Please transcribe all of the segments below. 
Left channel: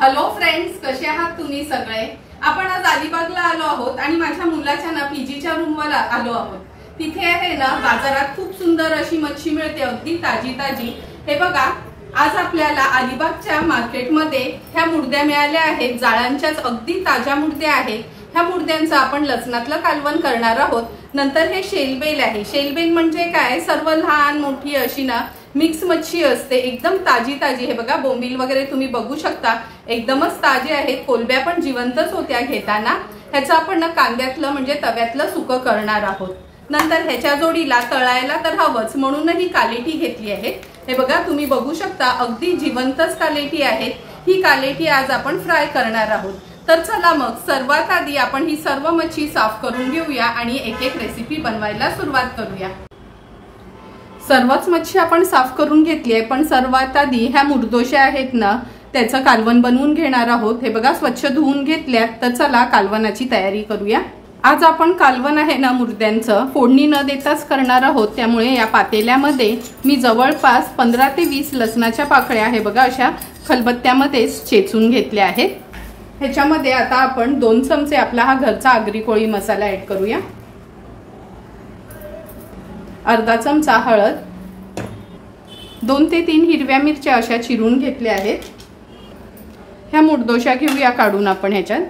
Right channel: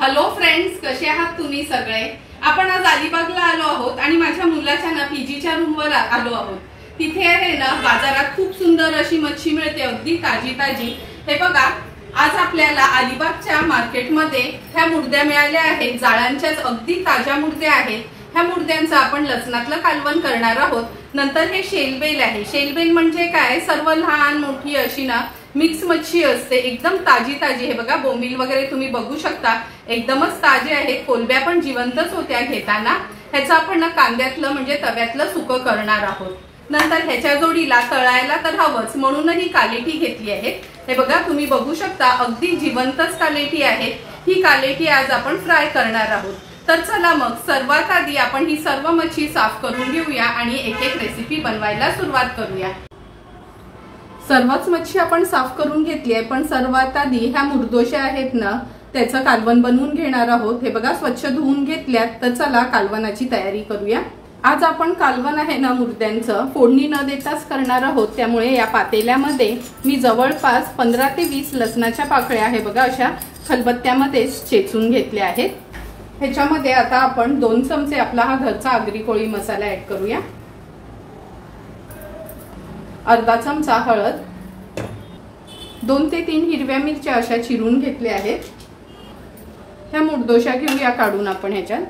Hello friends, कसे आहात तुम्ही सगळे। आपण आज अलिबागला आलो आहोत आणि माझ्या मुलाच्या ना पीजीच्या रूमवर आलो आहोत। तिथे आहे ना बाजारात खूप सुंदर अशी मच्छी मिळते, अगदी ताजी ताजी। हे बघा, आज आपल्याला अलिबागच्या मार्केटमध्ये ह्या मुर्द्या मिळाल्या आहेत। जाळ्यांच्याच अगदी ताज्या मुर्द्या आहेत। ह्या मुर्द्यांचं आपण लसणातलं कालवण करणार आहोत। नंतर हे शेलबेल आहे। शेलबेल म्हणजे काय, सर्व लहान मोठी अशी ना मिक्स मच्छी असते, एकदम ताजी ताजी। हे बघा, बोंबील वगैरे तुम्ही बघू शकता, एकदमच ताजे आहेत। कोलब्या पण जिवंतच होत्या घेताना। ह्याचं आपण ना कांद्यातलं म्हणजे तव्यातलं सुकं करणार आहोत। नंतर ह्याच्या जोडीला तळायला तर हवंच, म्हणून ही कालेटी घेतली आहे। हे बघा, तुम्ही बघू शकता, अगदी जिवंतच कालेटी आहे। ही कालेटी आज आपण फ्राय करणार आहोत। तर चला मग सर्वात आधी आपण ही सर्व मच्छी साफ करून घेऊया आणि एक एक रेसिपी बनवायला सुरुवात करूया। सर्वच मच्छी आपण साफ करून घेतली आहे, पण सर्वात आधी ह्या मुर्दोशा आहेत ना, त्याचं कालवण बनवून घेणार आहोत। हे बघा, स्वच्छ धुवून घेतल्यात। तर चला कालवणाची तयारी करूया। आज आपण कालवण आहे ना मुर्द्यांचं फोडणी न देताच करणार आहोत। त्यामुळे या पातेल्यामध्ये मी जवळपास 15 ते 20 लसणाच्या पाकळ्या हे बघा अशा खलबत्त्यामध्ये चेचून घेतल्या आहेत। ह्याच्यामध्ये आता आपण 2 चमचे आपला हा घरचा आगरी कोळी मसाला ऍड करूया। अर्धा चमचा हळद, 2 ते 3 हिरव्या मिरच्या अशा चिरून घेतल्या आहेत। ह्या मुर्दोशा घेऊया काढून आपण ह्याच्यात।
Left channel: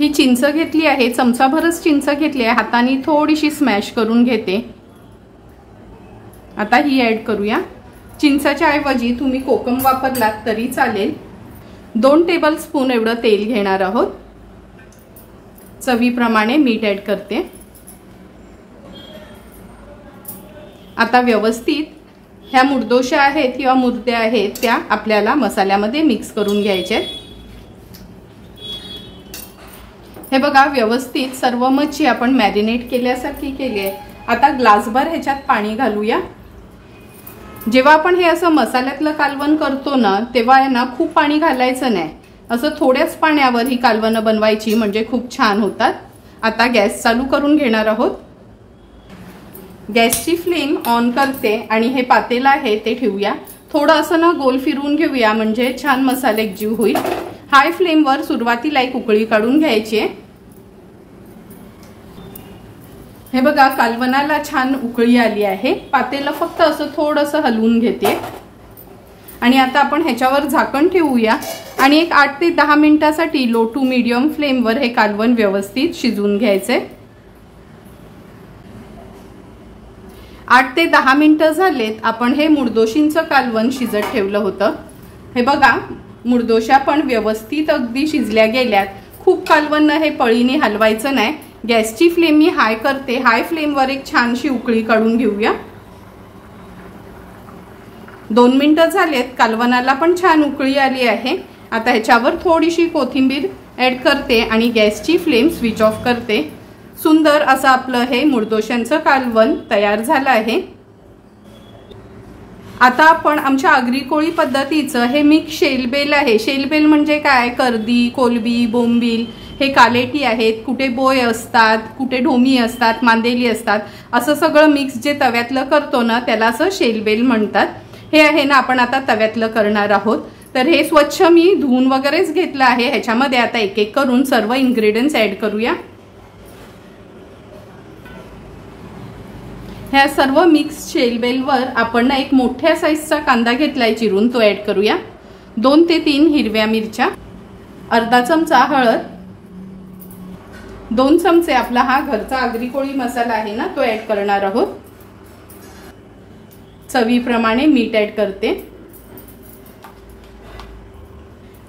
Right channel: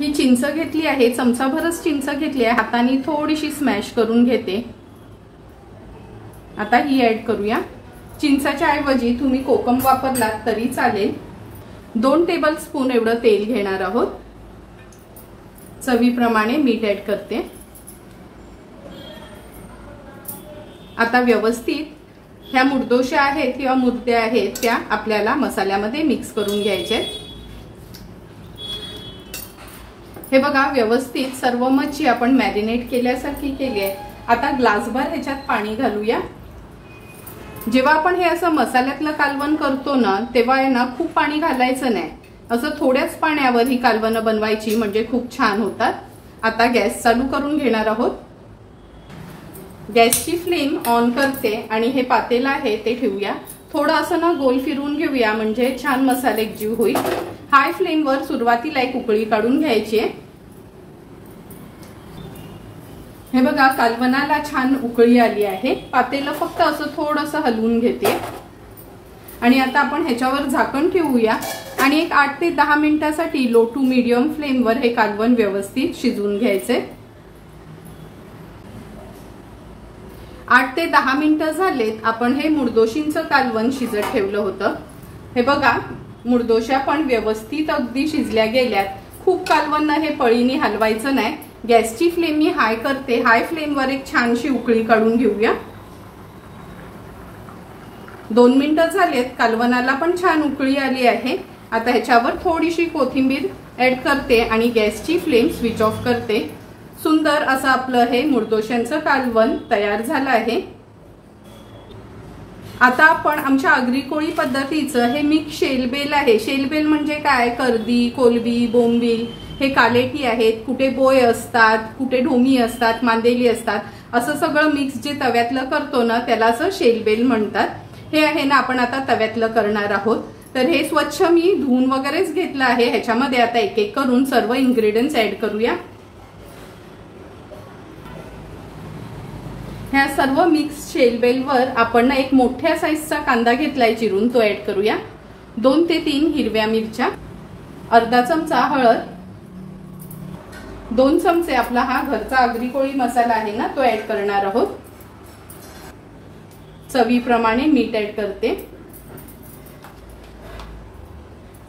ही चिंच घेतली आहे, चमचाभरच चिंच घेतली आहे, हाताने थोडीशी स्मॅश करून घेते। आता ही ऍड करूया। चिंचाच्या ऐवजी तुम्ही कोकम वापरलात तरी चालेल। 2 टेबलस्पून एवढं तेल घेणार आहोत। चवीप्रमाणे मीठ ऍड करते। आता व्यवस्थित ह्या मुर्दोशा आहेत किंवा मुर्द्या आहेत त्या आपल्याला मसाल्यामध्ये मिक्स करून घ्यायचे। हे बघा, व्यवस्थित सर्व मच्छी आपण मॅरिनेट केल्यासारखी केली आहे। आता ग्लासभर ह्याच्यात पाणी घालूया। जेव्हा आपण हे असं मसाल्यातलं कालवण करतो ना, तेव्हा आहे ना खूप पाणी घालायचं नाही। असं थोड्याच पाण्यावर ही कालवणं बनवायची, म्हणजे खूप छान होतात। आता गॅस चालू करून घेणार आहोत। गॅसची फ्लेम ऑन करते आणि हे पातेलं आहे ते ठेवूया। थोडं असं ना गोल फिरवून घेऊया, म्हणजे छान मसाले एकजीव होईल। हाय फ्लेमवर सुरुवातीला एक उकळी काढून घ्यायची आहे। हे बघा, कालवणाला छान उकळी आली आहे। पातेलं फक्त असं थोडंसं हलवून घेते आणि आता आपण ह्याच्यावर झाकण ठेवूया आणि एक 8 ते 10 मिनिटांसाठी लो टू मीडियम फ्लेमवर हे कालवण व्यवस्थित शिजवून घ्यायचे। 8 ते 10 मिनिटं झालेत। आपण हे मुर्दोशींचं कालवण शिजत ठेवलं होतं। हे बघा, मुर्दोशा पण व्यवस्थित अगदी शिजल्या गेल्यात। खूप कालवण हे पळीने हलवायचं नाही। गॅसची फ्लेम मी हाय करते। हाय फ्लेमवर एक छानशी उकळी काढून घेऊया। 2 मिनिटं झालेत, कालवणाला पण छान उकळी आली आहे। आता ह्याच्यावर थोडीशी कोथिंबीर ऍड करते आणि गॅसची फ्लेम स्विच ऑफ करते। सुंदर असं आपलं हे मुर्दोशांचं कालवण तयार झालं आहे। आता आपण आमच्या आगरी कोळी पद्धतीचं हे मिक्स शेलबेल आहे। शेलबेल म्हणजे काय, कर्दी, कोलबी, बोंबील हे कालेटी आहेत। कुठे बोय असतात, कुठे ढोमी असतात, मांदेली असतात, असं सगळं मिक्स जे तव्यातलं करतो ना त्याला असं शेलबेल म्हणतात। हे आहे ना आपण आता तव्यातलं करणार आहोत। तर हे स्वच्छ मी धुवून वगैरेच घेतलं आहे। ह्याच्यामध्ये आता एक एक करून सर्व इन्ग्रेडियंट्स ऍड करूया। ह्या सर्व मिक्स शेलबेलवर आपण ना एक मोठ्या साईजचा कांदा घेतलाय चिरून, तो ऍड करूया। 2 ते 3 हिरव्या मिरच्या, अर्धा चमचा हळद, 2 चमचे आपला हा घरचा आगरी कोळी मसाला आहे ना तो ऍड करणार आहोत। चवीप्रमाणे मीठ ऍड करते।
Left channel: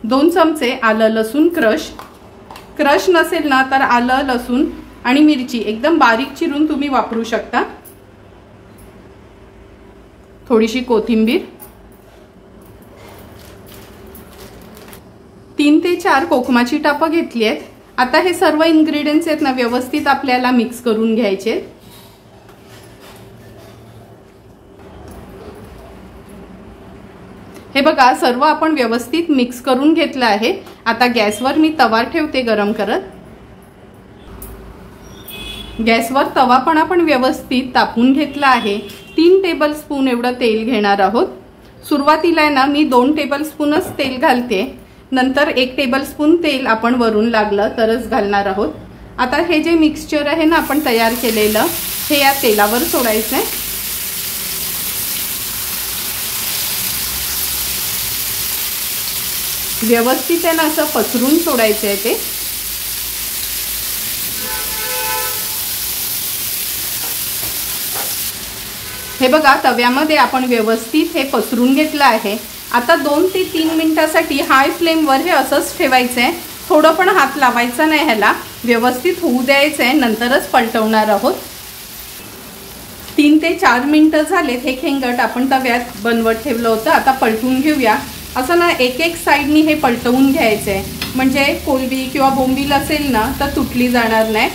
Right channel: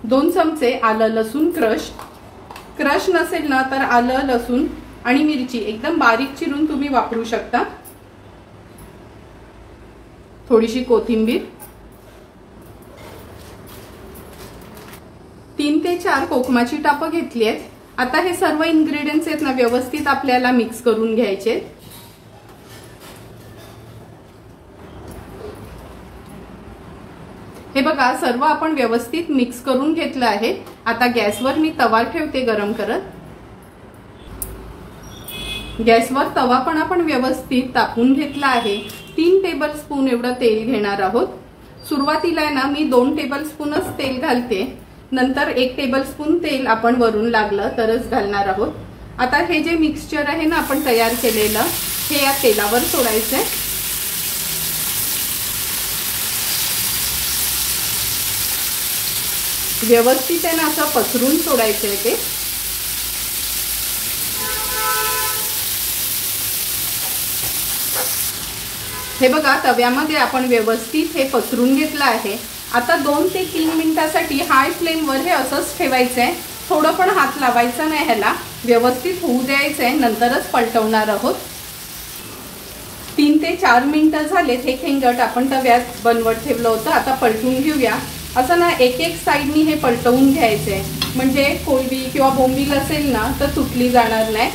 2 चमचे आलं लसूण क्रश नसेल ना तर आलं लसूण आणि मिरची एकदम बारीक चिरून तुम्ही वापरू शकता। थोडीशी कोथिंबीर, 3 ते 4 कोकमाची टापं घेतली आहेत। आता हे सर्व इन्ग्रेडियंट्स आहेत ना व्यवस्थित आपल्याला मिक्स करून घ्यायचे। हे बघा, सर्व आपण व्यवस्थित मिक्स करून घेतलं आहे। आता गॅसवर मी तवा ठेवते गरम करत। गॅसवर तवा पण आपण व्यवस्थित तापवून घेतला आहे। 3 टेबलस्पून एवढं तेल घेणार आहोत। सुरुवातीला ना मी 2 टेबलस्पूनच तेल घालते, नंतर 1 टेबलस्पून तेल आपण वरून लागलं तरच घालणार आहोत। आता हे जे मिक्सचर आहे ना आपण तयार केलेलं, हे या तेलावर सोडायचंय। व्यवस्थित आहे ना असं पसरून सोडायचंय ते। हे बघा तव्यामध्ये आपण व्यवस्थित हे पसरून घेतलं आहे। आता 2 ते 3 मिनिटांसाठी हाय फ्लेमवर हे असंच ठेवायचंय, थोडं पण हात लावायचा नाही, ह्याला व्यवस्थित होऊ द्यायचंय, नंतरच पलटवणार आहोत। 3 ते 4 मिनिटं झालेत, हे खेंगट आपण तव्यात बनवत ठेवलं होतं, आता पलटून घेऊया। असं ना एक साईडनी हे पलटवून घ्यायचंय, म्हणजे कोलंबी किंवा बोंबील असेल ना तर तुटली जाणार नाही।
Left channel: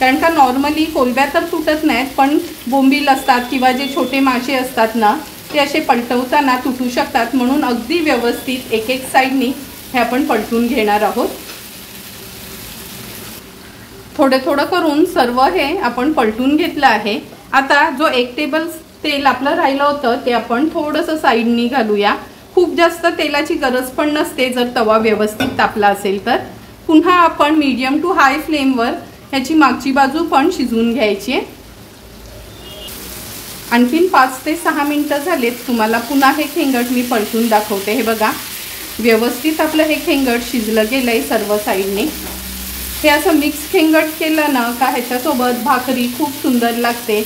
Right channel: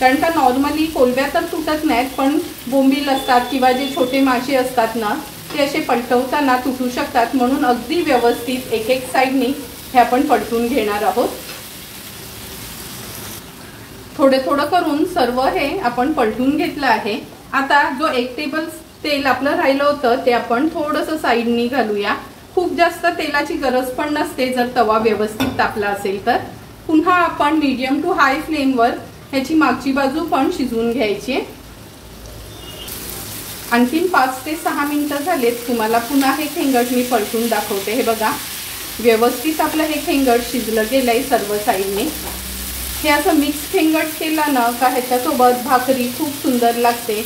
कारण का नॉर्मली कोलंब्या तर तुटत नाहीत, पण बोंबील असतात किंवा जे छोटे मासे असतात ना ते असे पलटवताना तुटू शकतात, म्हणून अगदी व्यवस्थित एक साईडनी हे आपण पलटून घेणार आहोत। थोडे थोडं करून सर्व हे आपण पलटून घेतलं आहे। आता जो 1 टेबल तेल आपलं राहिलं होतं ते आपण थोडंसं साईडनी घालूया। खूप जास्त तेलाची गरज पण नसते जर तवा व्यवस्थित तापला असेल तर। पुन्हा आपण मीडियम टू हाय फ्लेमवर ह्याची मागची बाजू पण शिजवून घ्यायची आहे। आणखीन 5 ते 6 मिनिटं झालेत, तुम्हाला पुन्हा हे खेंगट मी पलटून दाखवते। हे बघा व्यवस्थित आपलं हे खेंगट शिजलं गेलंय सर्व साईडने। हे असं मिक्स खेंगट केलं ना का ह्याच्यासोबत भाकरी खूप सुंदर लागते,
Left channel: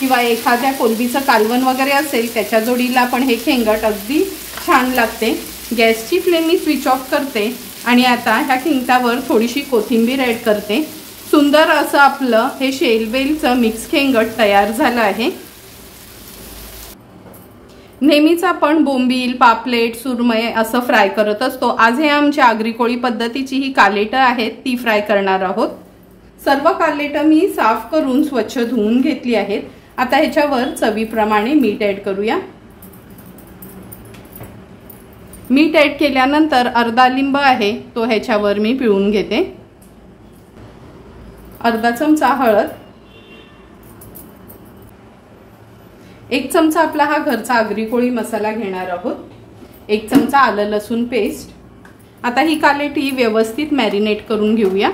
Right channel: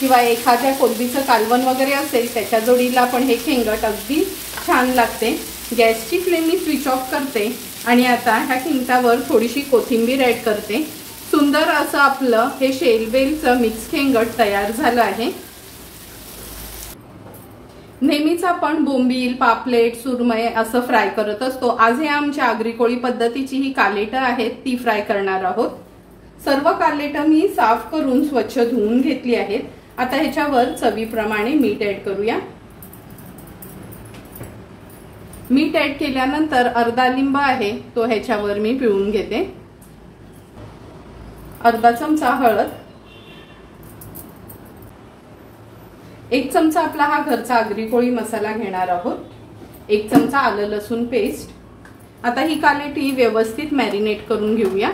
किंवा एखाद्या कोलंबीचं कालवण वगैरे असेल त्याच्या जोडीला पण हे खेंगट अगदी छान लागते। गॅसची फ्लेम मी स्विच ऑफ करते आणि आता ह्या खेंगटावर थोडीशी कोथिंबीर ॲड करते। सुंदर असं आपलं हे शेलवेलचं मिक्स खेंगट तयार झालं आहे। नेहमीच आपण बोंबील, पापलेट, सुरमई असं फ्राय करत असतो। आज हे आमच्या आगरी कोळी पद्धतीची ही कालेटं आहेत, ती फ्राय करणार आहोत। सर्व कालेटं मी साफ करून स्वच्छ धुवून घेतली आहेत। आता ह्याच्यावर चवीप्रमाणे मीठ ॲड करूया। मीठ ॲड केल्यानंतर अर्धा लिंब आहे तो ह्याच्यावर मी पिळून घेते। अर्धा चमचा हळद, 1 चमचा आपला हा घरचा आगरी कोळी मसाला घेणार आहोत, 1 चमचा आलं लसूण पेस्ट। आता ही कालेटी व्यवस्थित मॅरिनेट करून घेऊया।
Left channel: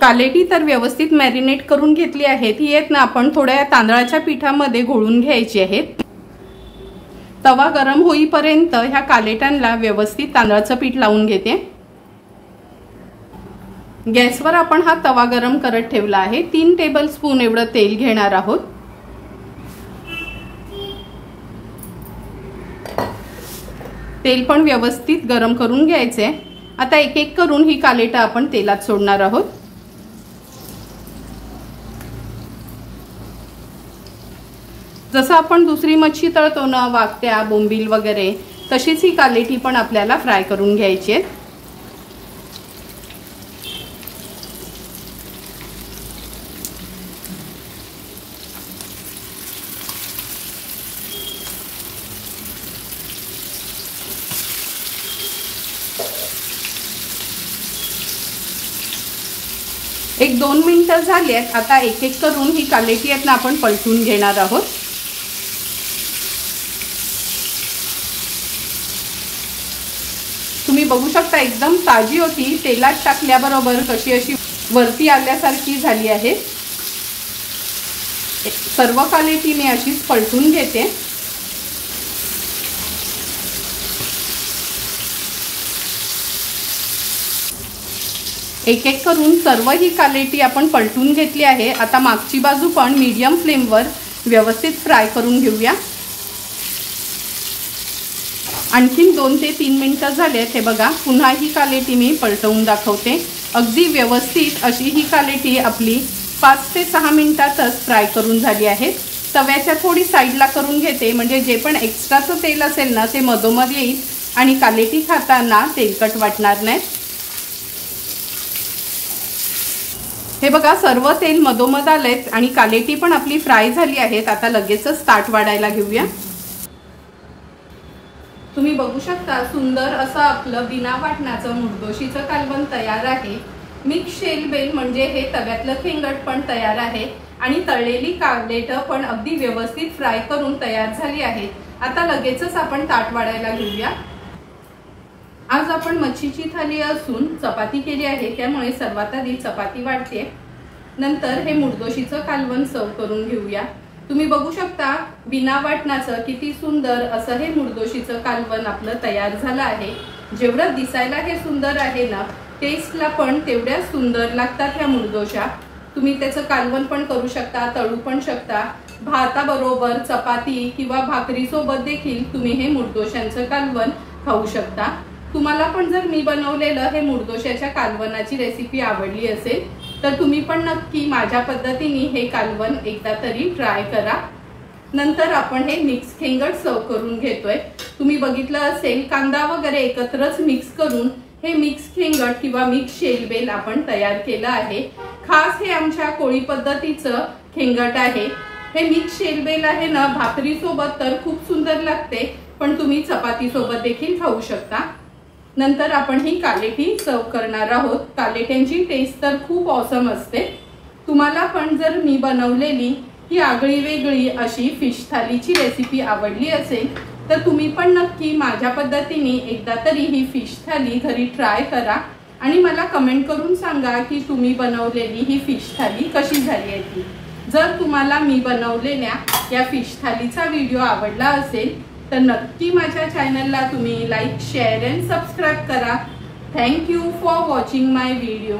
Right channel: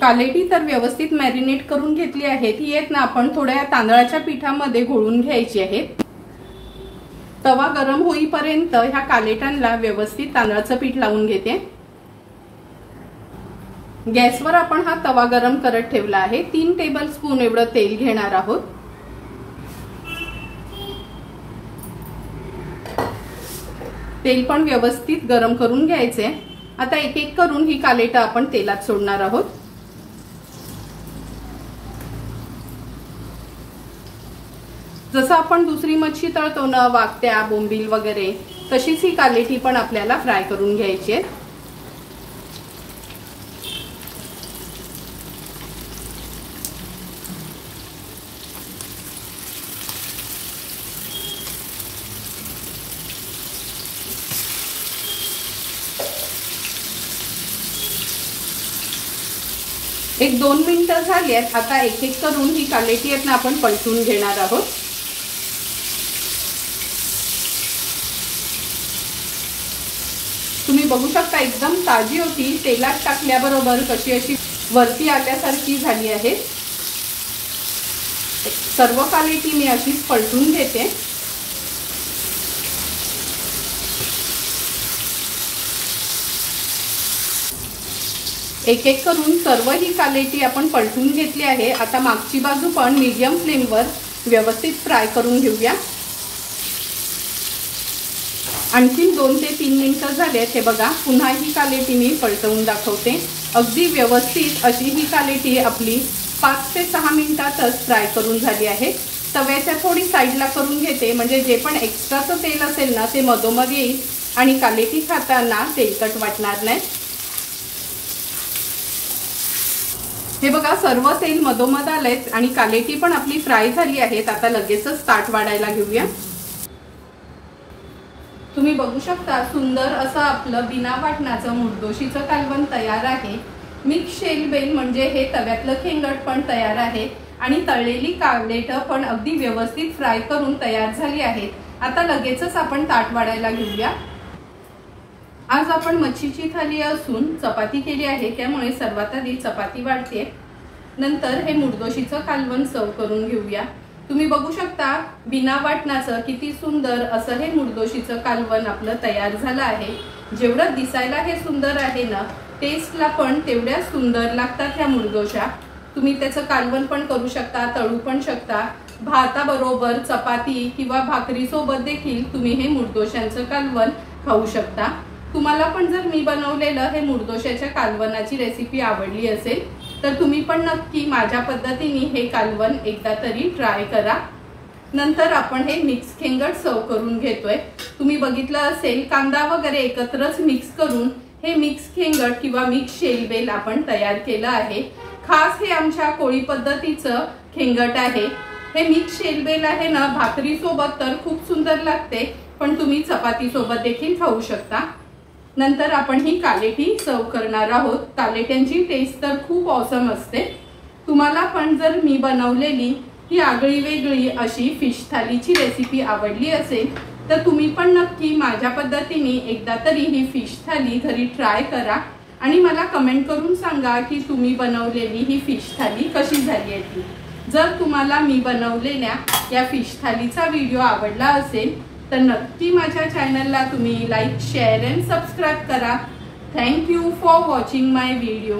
कालेटी तर व्यवस्थित मॅरिनेट करून घेतली आहे। ही आहेत ना आपण थोड्या तांदळाच्या पिठामध्ये घोळून घ्यायची आहेत। तवा गरम होईपर्यंत ह्या कालेटांना व्यवस्थित तांदळाचं पीठ लावून घेते। गॅसवर आपण हा तवा गरम करत ठेवला आहे। 3 टेबलस्पून एवढं तेल घेणार आहोत। तेल पण व्यवस्थित गरम करून घ्यायचे। आता एक करून ही कालेटं आपण तेलात सोडणार आहोत। जसं आपण दुसरी मच्छी तळतो ना, वाकट्या, बोंबील वगैरे, तशीच ही कालेटी पण आपल्याला फ्राय करून घ्यायची आहे। एक 2 मिनिटं झाली आहेत। आता एक करून ही कालेटी आहेत ना आपण पलटून घेणार आहोत। तुम्ही बघू शकता एकदम ताजी होती, तेलात टाकल्याबरोबर कशी अशी वरती आल्यासारखी झाली आहे। सर्व कालेटी मी अशीच पलटून घेते। एक करून सर्व ही कालेटी आपण पलटून घेतली आहे। आता मागची बाजू पण मीडियम फ्लेमवर व्यवस्थित फ्राय करून घेऊया। आणखीन 2 ते 3 मिनिटं झालेत। हे बघा पुन्हा ही कालेटी मी पलटवून दाखवते। अगदी व्यवस्थित अशी ही कालेटी आपली 5 ते 6 मिनिटातच फ्राय करून झाली आहे। तव्याच्या थोडी साईडला करून घेते, म्हणजे जे पण एक्स्ट्राचं तेल असेल ना ते मधोमध येईल आणि कालेटी खाताना तेलकट वाटणार नाही। हे बघा सर्व तेल मधोमध आलेत आणि कालेटी पण आपली फ्राय झाली आहेत। आता लगेचच ताट वाढायला घेऊया। तुम्ही बघू शकता सुंदर असं आपलं बिना वाटणाचं मुर्दोशीचं कालवण तयार आहे। मिक्स शेलबेल म्हणजे हे तव्यातलं खेंगट पण तयार आहे। आणि तळलेली कटलेट पण अगदी व्यवस्थित फ्राय करून तयार झाली आहेत. आता लगेचच आपण ताट वाढायला घेऊया. आज आपण मच्छीची थाली असून चपाती केली आहे, त्यामुळे सर्वात आधी चपाती वाढते. नंतर हे मुडदोशीचं कालवण सर्व करून घेऊया. तुम्ही बघू शकता बिना वाटणाचं किती सुंदर असं हे मुडदोशीचं कालवण आपलं तयार झालं आहे. जेवढं दिसायला हे सुंदर आहे ना, टेस्टला पण तेवढ्या सुंदर लागतात ह्या मुडदोशा. तुम्ही त्याचं कालवण पण करू शकता, तळू पण शकता. भाताबरोबर चपाती किंवा भाकरी सोबत देखील तुम्ही हे मुडदोशांचं कालवण खाऊ शकता. तुम्हाला पण जर मी बनवलेलं हे मुडदोशाच्या कालवणाची रेसिपी आवडली असेल तर तुम्ही पण नक्की माझ्या पद्धतीने हे कालवण एकदा तरी ट्राय करा. नंतर आपण हे मिक्स खेंगट सर्व करून घेतोय. तुम्ही बघितलं असेल कांदा वगैरे एकत्रच मिक्स करून हे मिक्स खेंगट किंवा मिक्स शेलबेल आपण तयार केलं आहे. खास हे आमच्या कोळी पद्धतीचं खेंगट आहे. हे मिक्स शेलबेल आहे ना, भाकरी सोबत तर खूप सुंदर लागते, पण तुम्ही चपाती सोबत देखील खाऊ शकता. नंतर आपण ही कालेटी सर्व करणार आहोत. कालेट्यांची टेस्ट तर खूप ऑसम असते. तुम्हाला पण जर मी बनवलेली ही आगळी वेगळी अशी फिश थालीची रेसिपी आवडली असेल तर तुम्ही पण नक्की माझ्या पद्धतीने एकदा तरी ही फिश थाली घरी ट्राय करा आणि मला कमेंट करून सांगा की तुम्ही बनवलेली ही फिश थाली कशी झाली आहे ती. जर तुम्हाला मी बनवलेल्या या फिश थालीचा व्हिडिओ आवडला असेल तर नक्की माझ्या चॅनलला तुम्ही लाईक, शेअर अँड सबस्क्राईब करा. Thank you for watching my video.